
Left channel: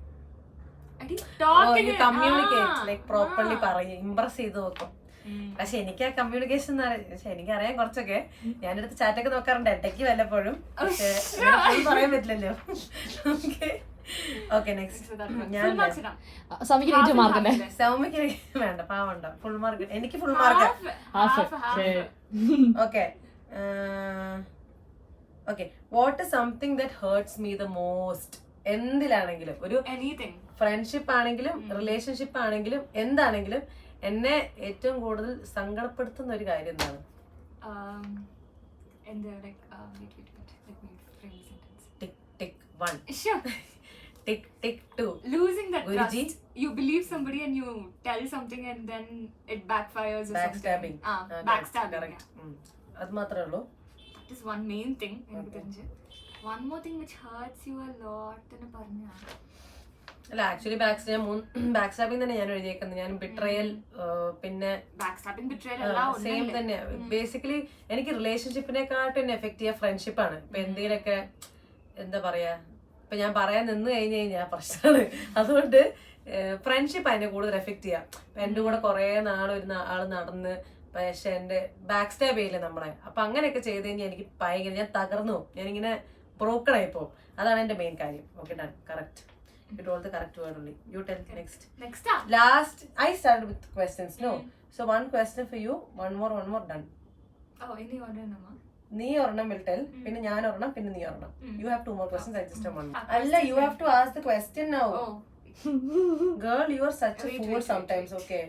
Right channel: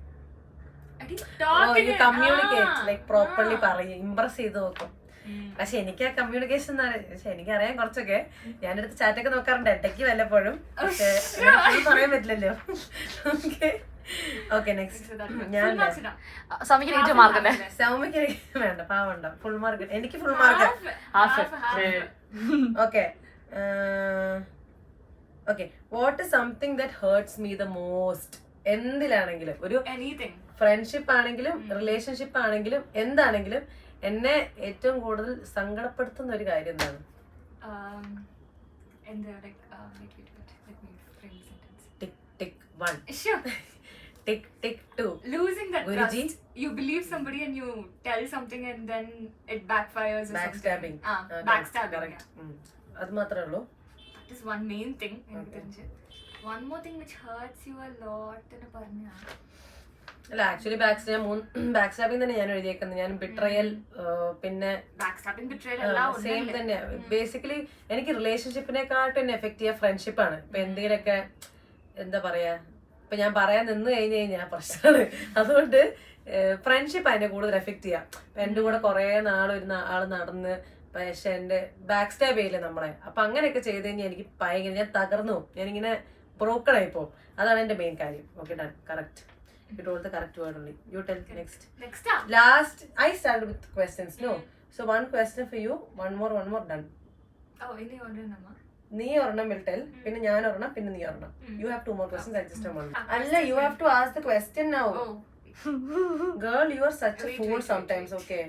I didn't talk in you it. Communicate, like properly Ah. പറയും, ഇംപ്രസ് ചെയ്ത് നോക്കും. പക്ഷെ എനിക്ക് ആ കമ്മ്യൂണിക്കേഷൻ പക്ഷെ എനിക്കറിയാം കുറച്ചൊക്കെ. ഞാനെടുത്ത് ചാറ്റൊക്കെ നോക്കാറുണ്ട് ഇടയ്ക്ക് വല്ലപ്പോഴും. പക്ഷെ full പറയാൻ പറ്റില്ലല്ലോ. Okay, next. ഞാൻ Full marks ഇടാം. സമിക്ക് Half negative and mark half. അല്ലേ? സൗമ്യക്ക് വേണ്ട, പാവണ്ട, ഫുൾ മാർക്ക്. എനിക്ക് full mark. Okay, okay. What is something that hurts me the most? എന്തിലാണെങ്കിലും, ഒരു Anything. ഫ്രണ്ട്ഷിപ്പ് ആണെങ്കിലും റിലേഷൻഷിപ്പ് ആണെങ്കിലും എന്താണെങ്കിലും എന്നെ ഏറ്റവും കൂടുതൽ സങ്കടപ്പെടുത്തുന്ന ഒരു കാര്യം എന്താണ്? And they're like, wait. Let me frame the sentence. Tick tick 1, Sure. Tick tick 2. Losing that Guruji. trust. You believe somebody and you tell something and then it backfires or Backstabbing. something. Backstabbing. Correct. Yeah. അത് മാത്രമേ ഉള്ളൂ. That is one main thing. Okay. One more thing which hurts you a lot. എന്ന് പറഞ്ഞാ. അല്ല, ആക്ച്വലി ബാക്ക് സ്റ്റാബിങ് തന്നെ ഞാൻ എഴുതിയേക്കുന്നത്. ഞാൻ ബിട്രയൽ, പിന്നെ Backstabbing, betrayal എല്ലാം സെയിം ഒന്നല്ലേ? തന്നെയാ. ബേസിക്കലി എനിക്ക് റിലേഷൻഷിപ്പിനെക്കാട്ടും എന്നെ എഫക്ട് ചെയ്യാൻ ഫ്രണ്ട്ഷിപ്പാണ്. ഇപ്പൊ എന്തെങ്കിലുമൊക്കെ എന്താ പറയാ, ഇപ്പൊ ഞാൻ പറയാൻ നിന്ന് കഴിഞ്ഞാൽ പ്രശ്നമാണ്. അതുകൊണ്ട് ഫ്രണ്ട്ഷിപ്പ് അതിനെ കൂടുതൽ എഫക്ട് ചെയ്യാം. ഇപ്പൊ എന്റെ കൂടെ കുറെ ഒരു ആള് നടന്ന് പക്ഷെ എന്റെ ബാക്ക് സ്റ്റാബ് ചെയ്യില്ലേ നമ്മളെ. അപ്പൊ അങ്ങനെയൊക്കെ ചെയ്ത് കഴിഞ്ഞാൽ എനിക്ക് ഭയങ്കര, ഞാൻ തകർന്നു പോകും, ഞാനിങ്ങനെ ബ്രോക്കൺ ആയി പോകും. അതാണ് എന്റെ മെയിൻ കാര്യം. Okay, done. Correct. You told the correct word only. You tell next. Next up. Last, I started with questions. No. So one question for you. One more. Done. Oh, any order nama? Nee ornam will tell. Pinne njan ornam, pinne nee ornam. You have 2 more questions. I just have one. Ah, Alla, you have to ask the question now. Oh. Girl, you are such a Wait, fool wait. sometimes. Okay.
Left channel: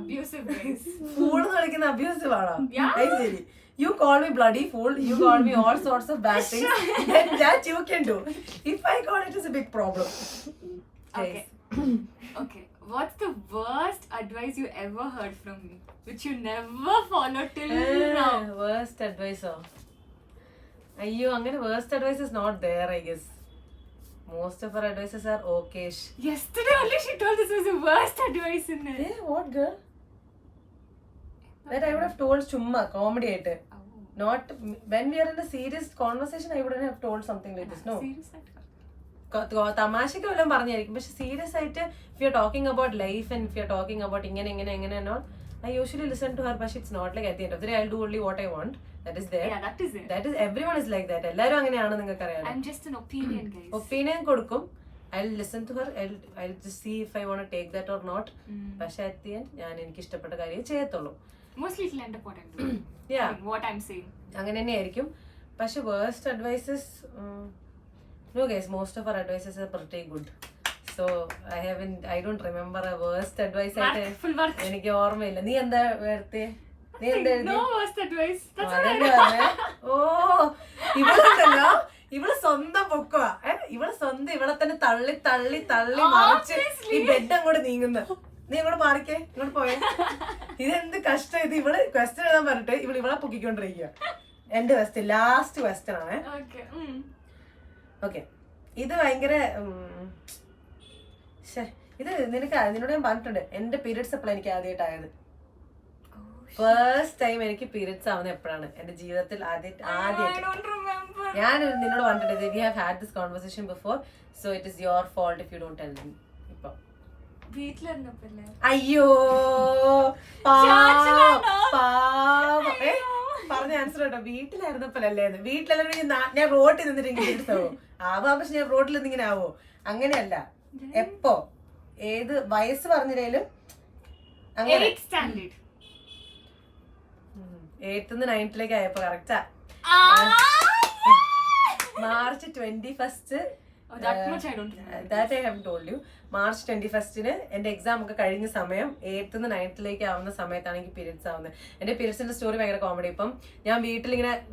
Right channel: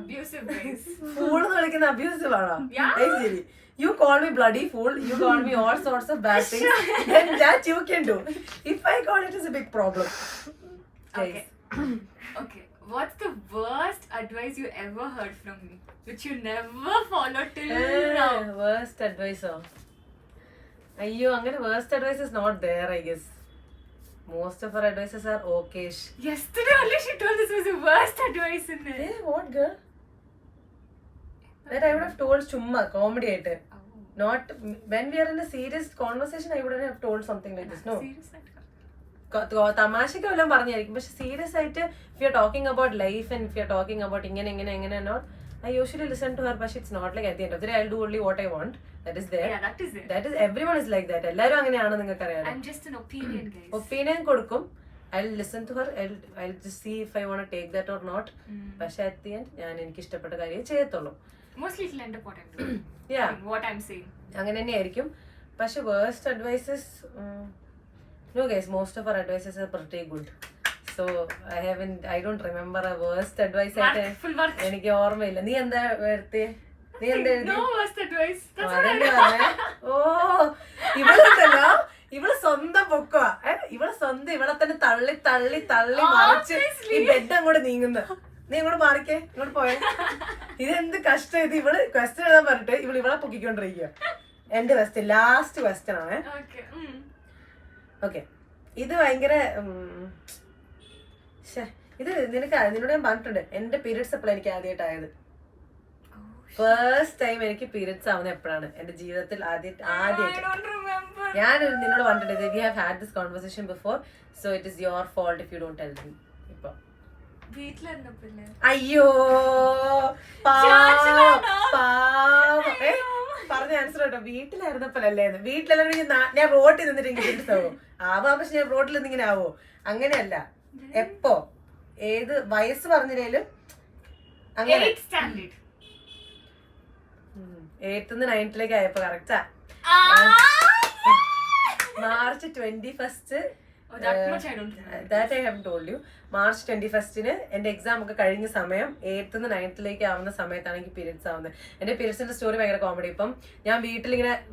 Abusive ways. Fool എന്ന് വിളിക്കുന്ന abusive ആണോ? Yeah. Hey Siri. You call me bloody fool. You call me all sorts of bad things. And that you can do. If I call it is a big problem. Okay. Okay. What's the worst advice you ever heard from me, which you never followed till now? Worst advice. അയ്യോ, അങ്ങനെ worst advice is not there, I guess. Most of our advices are okay-ish. Yesterday only she told this was the worst advice in it. Hey, what girl? That I would have told chumma, comedy ആയിട്ട്. Not when we are in a serious conversation, I wouldn't have told something like this. No. Serious ആയിട്ട്. തമാശക്ക് വല്ലതും പറഞ്ഞായിരിക്കും. പക്ഷെ സീരിയസ് ആയിട്ട് if you are talking about life and if you are talking about ഇങ്ങനെ not, I usually listen to her, but it's not like at the end of the day I'll do only what I want. That is there. Yeah, that is it. That is, everyone is like that. എല്ലാരും അങ്ങനെയാണ്, നിങ്ങൾക്ക് അറിയാലോ. I'm just an opinion, guys. Opinion കൊടുക്കും. I'll listen to her. I'll just see if I want to take that or not. പക്ഷെ at the end ഞാൻ എനിക്ക് ഇഷ്ടപ്പെട്ട കാര്യം ചെയ്യത്തുള്ളൂ. Mostly it'll end up what I'm doing. Yeah. I mean, what I'm saying. അങ്ങനെ തന്നെയായിരിക്കും. പക്ഷെ worst advices, no guys, most of our advices are pretty good. So I don't remember a worst advice ആയിട്ട് Full work. എനിക്ക് ഓർമ്മയില്ല. നീ എന്താ വരുത്തി? നീ എന്താ എഴുതി? No worst advice. That's what I അതന്നെ പറഞ്ഞേ. ഓ, ഇവളുണ്ടല്ലോ, ഇവള് സ്വന്തം പൊക്കുക. ഇവള് സ്വന്തം ഇവളെ തന്നെ തള്ളി തള്ളി തള്ളി മറിച്ച് ഈ ബെഡ് അങ്ങോട്ട് നീങ്ങുന്നു. നീ ഇങ്ങോട്ട് മാറിക്കേ, ഇങ്ങോട്ട് പോയേ. ഇതെന്ത് കഷ്ടം ഇത്. ഇവള് ക്വസ്റ്റ്യൻ എഴുതാൻ പറഞ്ഞിട്ട് ഇവളെ പൊക്കിക്കൊണ്ടിരിക്കുക. എന്റെ ക്വസ്റ്റ്യൻ, ലാസ്റ്റ് ക്വസ്റ്റ്യൻ ആണ്. Okay. ഓക്കെ, ഇത് ഭയങ്കര ഇത് നിന്നോട് ഞാൻ പറഞ്ഞിട്ടുണ്ട്. എന്റെ പീരിയഡ്സ് എപ്പോഴാണ് എനിക്ക് ആദ്യമായിട്ടായത്. ഫസ്റ്റ് ടൈം എനിക്ക് പീരിയഡ്സ് ആവുന്ന എപ്പോഴാണ് എന്റെ ജീവിതത്തിൽ ആദ്യമായിട്ട്. I don't remember. ഞാൻ നിന്നോട് പറഞ്ഞിട്ടുണ്ട്, we have had this conversation before, so it is your fault if you don't tell me. ഇപ്പൊ അയ്യോ പാവം പറഞ്ഞ ആൻസർ കേട്ടോ, വീട്ടിലായിരുന്നപ്പോഴല്ലേന്ന്. വീട്ടിലെല്ലാവരും ഞാൻ റോട്ടിൽ നിന്നിട്ട് ഇങ്ങനെ എടുത്താവോ ആവാ, പക്ഷെ ഞാൻ റോട്ടിൽ നിന്ന് ഇങ്ങനെ ആവോ? അങ്ങനെയല്ല, എപ്പോ ഏത് വയസ്സ് പറഞ്ഞില്ലേലും അങ്ങനെ 8th 9th ആയപ്പോ correct. March 21 that I have told you. March 21 എന്റെ എക്സാം ഒക്കെ കഴിഞ്ഞ സമയം 8th 9th ആവുന്ന സമയത്താണ് എനിക്ക് പീരിയഡ്സ് ആവുന്നത്. എന്റെ പീരിയഡ്സിന്റെ സ്റ്റോറി ഭയങ്കര കോമഡി. ഇപ്പം ഞാൻ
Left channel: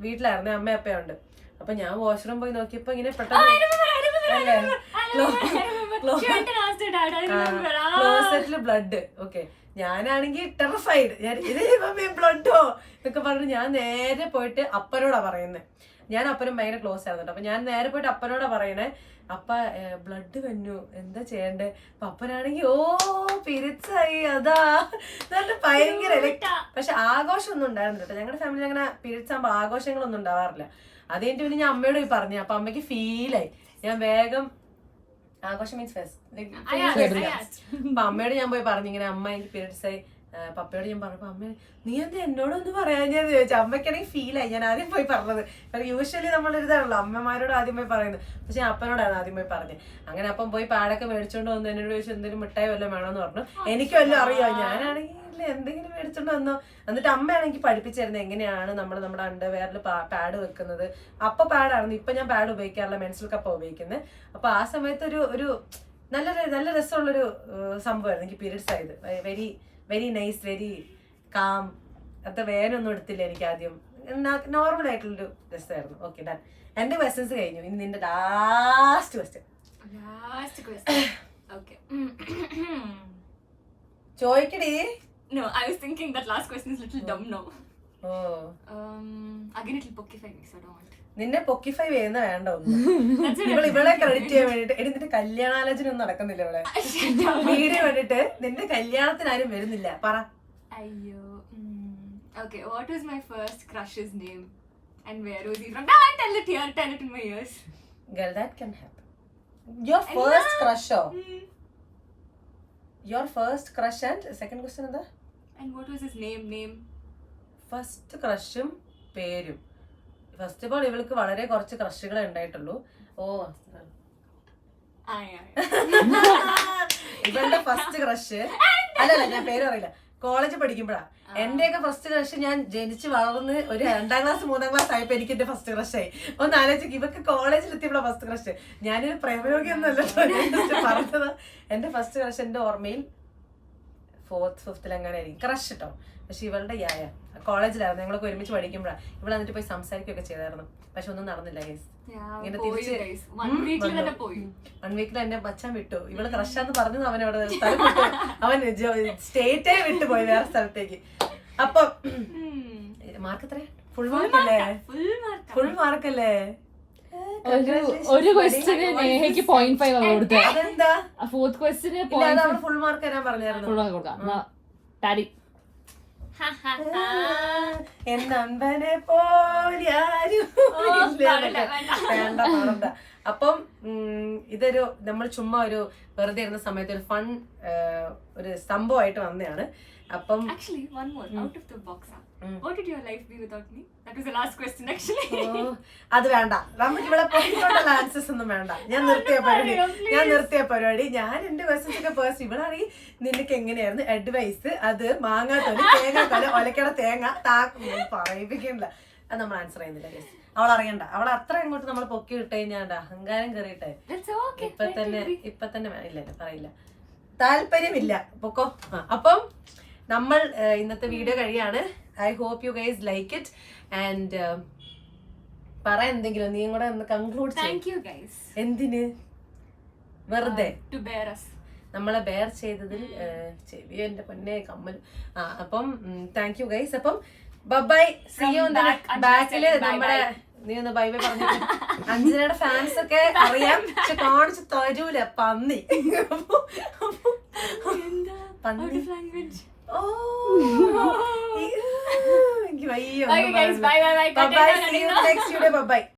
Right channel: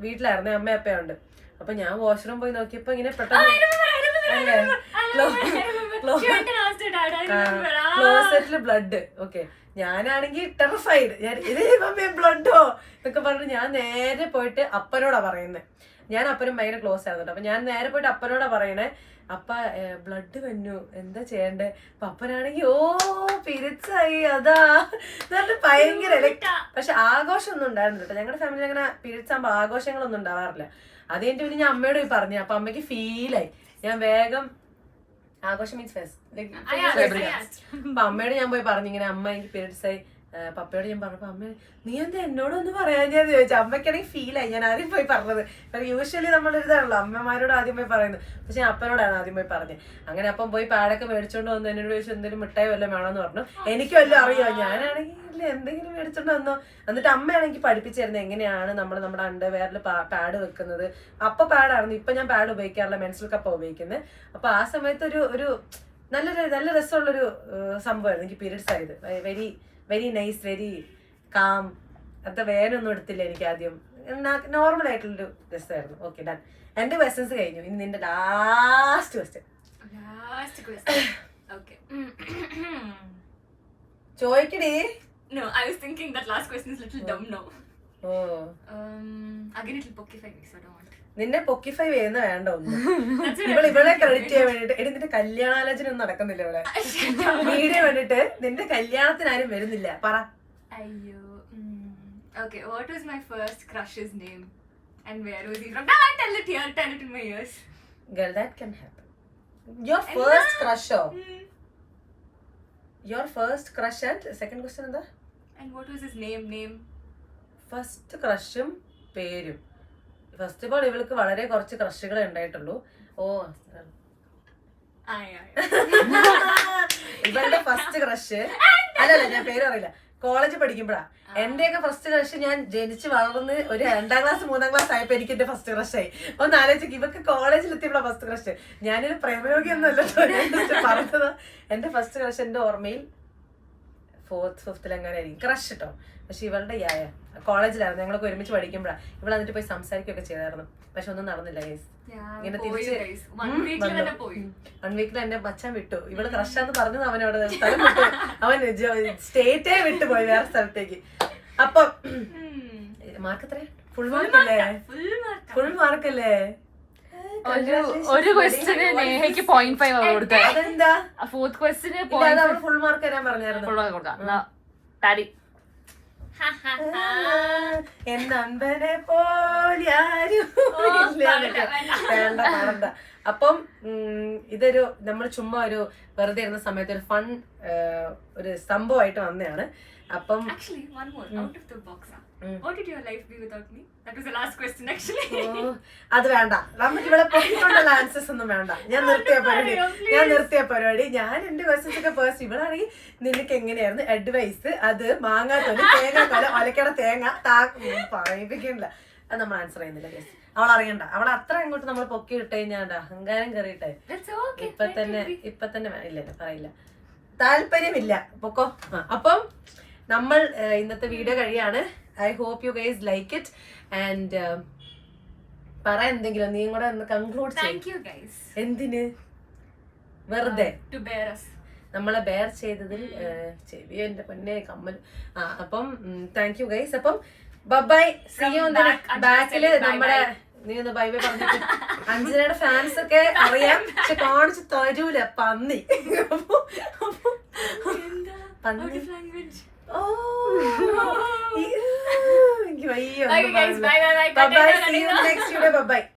വീട്ടിലായിരുന്നു, അമ്മ അപ്പയുണ്ട്. അപ്പൊ ഞാൻ വാഷ്റൂം പോയി നോക്കിയപ്പോ ഇങ്ങനെ ക്ലോസറ്റില് ബ്ലഡ്. ഓക്കെ, ഞാനാണെങ്കിൽ ടെറിഫൈഡ്. ഞാൻ ഇത് ബ്ലഡോ എന്നൊക്കെ പറഞ്ഞു ഞാൻ നേരെ പോയിട്ട് അപ്പനോടാ പറയുന്നത്. ഞാൻ അപ്പനും ഭയങ്കര ക്ലോസ് ആയിരുന്നു. അപ്പൊ ഞാൻ നേരെ പോയിട്ട് അപ്പനോടാ പറയണേ, അപ്പ ബ്ലഡ് വന്നു, എന്താ ചെയ്യണ്ടേ? അപ്പൊ അപ്പനാണെങ്കിൽ പീരിയഡ്സ് ആയി, അതാ എന്നിട്ട് ഭയങ്കര. പക്ഷെ ആഘോഷം ഒന്നും ഉണ്ടായിരുന്നില്ല കേട്ടോ. ഞങ്ങളുടെ ഫാമിലി അങ്ങനെ പീരിയഡ്സ് ആകുമ്പോ ആഘോഷങ്ങളൊന്നും ഉണ്ടാവാറില്ല. അത് കഴിഞ്ഞിട്ട് പിന്നെ ഞാൻ അമ്മയോട് പോയി പറഞ്ഞു. അപ്പൊ അമ്മയ്ക്ക് ഫീലായി. ഞാൻ വേഗം ആഘോഷം മീൻസ് അപ്പൊ അമ്മയോട് ഞാൻ പോയി പറഞ്ഞു ഇങ്ങനെ, അമ്മ എനിക്ക് പീരിയഡ്സ് ആയി. പപ്പയോട് ഞാൻ പറഞ്ഞപ്പോ അമ്മ, നീ എന്താ എന്നോടൊന്ന് പറയാൻ ഞാൻ ചോദിച്ചു. അമ്മയ്ക്കാണെങ്കിൽ ഫീലായി. ഞാൻ ആദ്യം പോയി പറഞ്ഞത്. യൂഷ്വലി നമ്മളൊരിതാണല്ലോ അമ്മമാരോട് ആദ്യം പോയി പറയുന്നത്. പക്ഷെ ഞാൻ അപ്പനോടാണ് ആദ്യം പോയി പറഞ്ഞത്. അങ്ങനെ അപ്പം പോയി പാടൊക്കെ മേടിച്ചോണ്ട് വന്നു. എന്നോട് ചോദിച്ചു എന്തെങ്കിലും മിഠായി വല്ലതും വേണമെന്ന് പറഞ്ഞു. എനിക്ക് വല്ലതും അറിയാം. ഞാനാണെങ്കിൽ എന്തെങ്കിലും മേടിച്ചോണ്ട് വന്നോ. എന്നിട്ട് അമ്മയാണെങ്കിൽ പഠിപ്പിച്ചു തരുന്നത് എങ്ങനെയാണ് നമ്മുടെ അണ്ടർവെയറിൽ പാഡ് വെക്കുന്നത്. അപ്പൊ പാഡായിരുന്നു, ഇപ്പൊ ഞാൻ പാഡ് ഉപയോഗിക്കാറില്ല, മെൻസ്ട്രൽ കപ്പാ ഉപയോഗിക്കുന്നത്. അപ്പൊ ആ സമയത്ത് ഒരു നല്ല രസമുള്ളൊരു സംഭവമായിരുന്നു എനിക്ക് പീരിയഡ്സ് ആയത്. Very nice, very calm. അത്ര വേനൊന്നും എടുത്തില്ല എനിക്ക് ആദ്യം. നോർമൽ ആയിട്ടുള്ളൊരു രസമായിരുന്നു. Okay, done. എന്റെ ക്വസ്റ്റ്യൻസ് കഴിഞ്ഞു. ഇനി നിന്റെ ലാസ്റ്റ് ക്വസ്റ്റ്യൻ ചോദിക്കടി. No, I was thinking that last question is little dumb now. Again it will pokify me, so I don't want. നിന്നെ പൊക്കിഫൈ ചെയ്യുന്ന വേണ്ട ഒന്നും. ഇവളെ ക്രെഡിറ്റ് ചെയ്യാൻ വേണ്ടിട്ട് എടി നിന്റെ കല്യാണാലോചന ഒന്നും നടക്കുന്നില്ല ഇവിടെ. വീഡിയോ വേണ്ടിട്ട് നിന്റെ കല്യാണത്തിന് ആരും വരുന്നില്ല. പറ. അയ്യോ. Okay, what was my first crush's name and where was he from? No, tell it here, tell it in my ears. Girl, that can happen. Your first crush. Your first crush and second question എന്താ? And what was his name? First ക്രഷും പേരും. ഫസ്റ്റ് ഓഫ് ഓൾ ഇവൾക്ക് വളരെ കുറച്ച് ക്രഷുകളെ ഉണ്ടായിട്ടുള്ളൂ. ഇവളുടെ ഫസ്റ്റ് ക്രഷ് അല്ലല്ല, ഞാൻ പേര് പറയില്ല. കോളേജ് പഠിക്കുമ്പോഴാ. എന്റെയൊക്കെ ഫസ്റ്റ് ക്രഷ് ഞാൻ ജനിച്ച് വളർന്ന് ഒരു 2ാം ക്ലാസ് 3ാം ക്ലാസ് ആയപ്പോ എനിക്ക് എന്റെ ഫസ്റ്റ് ക്രഷായി. ഒന്ന് ആലോചിക്ക്, ഇവക്ക് കോളേജിൽ എത്തിയപ്പോഴാ ഫസ്റ്റ് ക്രഷ്. ഞാനൊരു പ്രേമയോഗിയൊന്നുമല്ലോ പറഞ്ഞത്. എന്റെ ഫസ്റ്റ് ക്രഷ് എന്റെ ഓർമ്മയിൽ 4th 5th അങ്ങനെ ആയിരിക്കും ക്രഷ് കേട്ടോ. പക്ഷെ ഇവളുടെ കോളേജിലായിരുന്നു, ഞങ്ങളൊക്കെ ഒരുമിച്ച് പഠിക്കുമ്പോഴാണ്. ഇവിടെ എന്നിട്ട് പോയി സംസാരിക്കുകയൊക്കെ ചെയ്തായിരുന്നു. പക്ഷെ ഒന്നും നടന്നില്ല ഗൈസ്. ഇങ്ങനെ തിരിച്ച് 1 വീക്കിൽ എന്നെ മച്ചാൻ വിട്ടു. ഇവള് ക്രഷാന്ന് പറഞ്ഞത് അവനോട് സ്ഥലം വിട്ടു. അവൻ സ്റ്റേറ്റേ വിട്ടുപോയി വേറെ സ്ഥലത്തേക്ക്. അപ്പൊ മാർക്ക് എത്ര? ഫുൾ മാർക്കല്ലേ? ഫുൾ മാർക്കല്ലേ? ഒരു ക്വസ്റ്റ്യന് നേഹയ്ക്ക് 0.5 കൊടുത്തത്. അതെന്താ? ഫോർത്ത് ക്വസ്റ്റ്യന് ഇല്ല, അത് അവള് ഫുൾ മാർക്ക് തരാൻ പറഞ്ഞായിരുന്നു. എന്നമ്പനെ പോലും വേണ്ട പാടണ്ട. അപ്പം ഇതൊരു നമ്മൾ ചുമ്മാ ഒരു വെറുതെ ഇരുന്ന സമയത്ത് ഒരു ഫൺ ഒരു സംഭവമായിട്ട് വന്നതാണ്. അപ്പം actually one more out of the box. What did your life be without me? That was the last question actually. അത് വേണ്ട, നമുക്ക് ഇവിടെ പൊക്കിക്കൊണ്ടുള്ള ആൻസേഴ്സ് ഒന്നും വേണ്ട. ഞാൻ നിർത്തിയ പരിപാടി. ഞാൻ എന്റെ ക്വസ്റ്റ്യൻസ് ഒക്കെ പേഴ്സ്. ഇവളാണെങ്കിൽ നിനക്ക് എങ്ങനെയായിരുന്നു അഡ്വൈസ്, അത് മാങ്ങാത്തോല് തേങ്ങാത്തോല ഒലക്കട തേങ്ങ പറയിപ്പിക്കണില്ല. അത് നമ്മൾ ആൻസർ ചെയ്യുന്നില്ല. അവൾ അറിയണ്ട. അവൾ അത്ര അങ്ങോട്ട് നമ്മൾ പൊക്കി ഇട്ട് കഴിഞ്ഞാൽ അഹങ്കാരം കയറിയിട്ടെ ഇപ്പൊ തന്നെ ഇല്ല പറയില്ല, താല്പര്യമില്ല, പൊക്കോ. അപ്പം നമ്മൾ ഇന്നത്തെ വീഡിയോ കഴിയാണ്. I hope you guys like it and പറ എന്തെങ്കിലും. നീ കൂടെ ഒന്ന് കൺക്ലൂഡ് ചെയ്യ്. എന്തിന് വെറുതെ നമ്മളെ ബെയർ ചെയ്തതിൽ ചെവിയോ എന്റെ പൊന്നെ കമ്മൽ. അപ്പം താങ്ക് യു ഗൈസ്. അപ്പം bye, see you in the ബാക്കില്. നമ്മുടെ നീ ഒന്ന് ബൈ ബൈ പറഞ്ഞിട്ട്. അഞ്ജനയുടെ ഫാൻസ് ഒക്കെ അറിയാം, പക്ഷെ കാണിച്ച് തരൂല പന്നി. Oh, bye guys, bye. Bye. See you next video. Bye.